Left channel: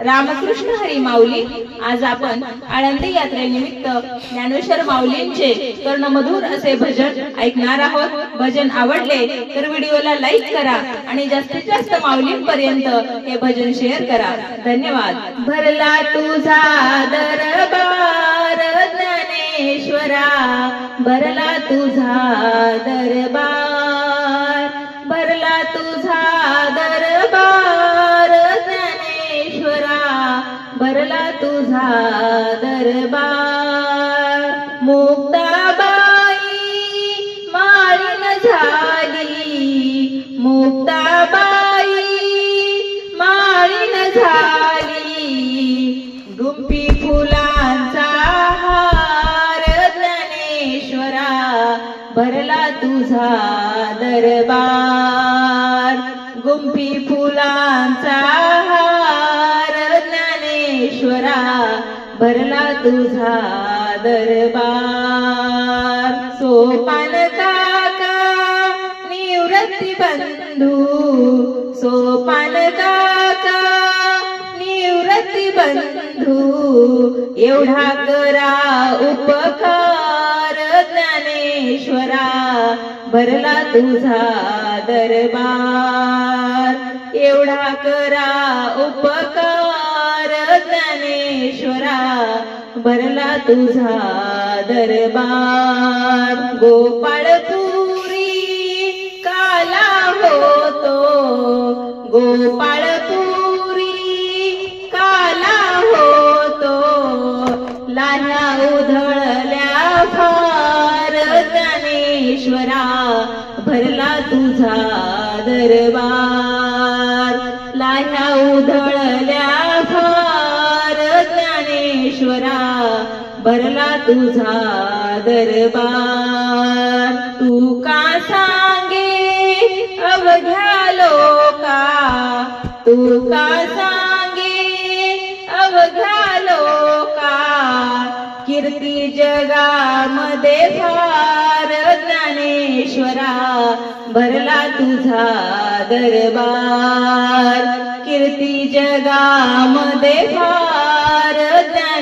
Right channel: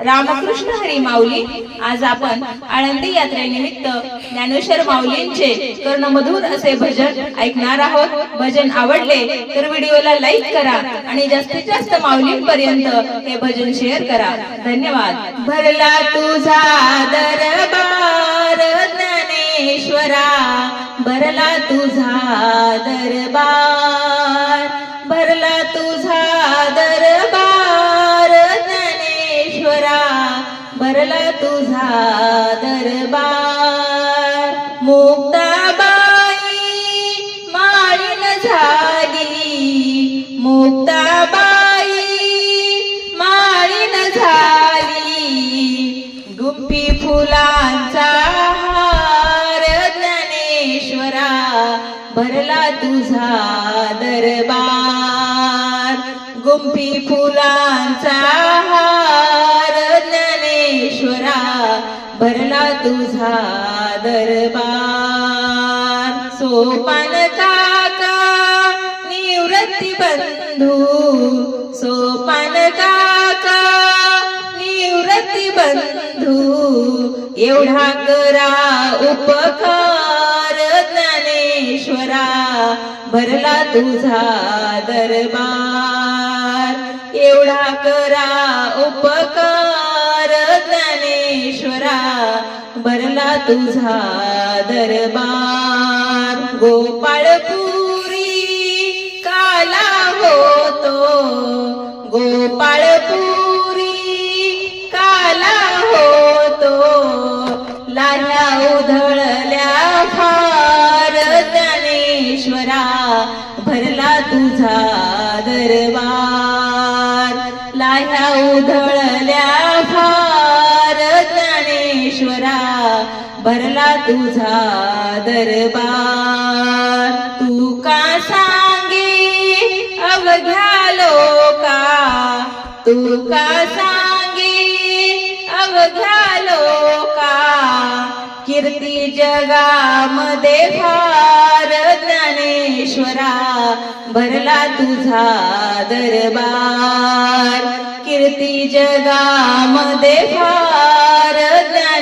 रामकृष्ण हरी माऊली. आज आपण आळंदी यात्रेनिमित्त ज्ञानेश्वर माऊलींचे कर्णमधुर असे भजन ऐकणार आहोत. भजन आवडले तर व्हिडिओला लाईक करा आणि जास्तीत जास्त माऊलींपर्यंत हे भजन शेअर करा. धन्यवाद. भरला तुझा दरबार ज्ञानेश्वरा. भरला तुझा दरबार तुझा दरबार. मुक्ताबाई माळीन झाली. मुक्ताबाई माळीन झाली. गुप्पी फुलांचा हार ज्ञानेश्वरा भरला तुझा दरबार. गुप्पी फुलांचा भरला तुझा दरबार. सोपान काका निवृत्ती बंधू. सोपान काका निवृत्ती बंधू. एवढा करा उपकार ज्ञानेश्वरा. भरला तुझा दरबार. एवढा करा उपकार तुझा दरबार. गोपाळपुरी काला होतो. गोपाळपुरी काला होतो. लाल्या उधळल्या फार ज्ञानेश्वरा भरला तुझा दरबार. लाल्या उधळल्या फार ज्ञानेश्वरा भरला तुझा दरबार. तू का सांगे? अवघ्या लोका. तू का सांगे? अवघ्या लोका. कीर्ती जगामध्ये फार ज्ञानेश्वरा. भरला तुझा दरबार. कीर्ती जगामध्ये फार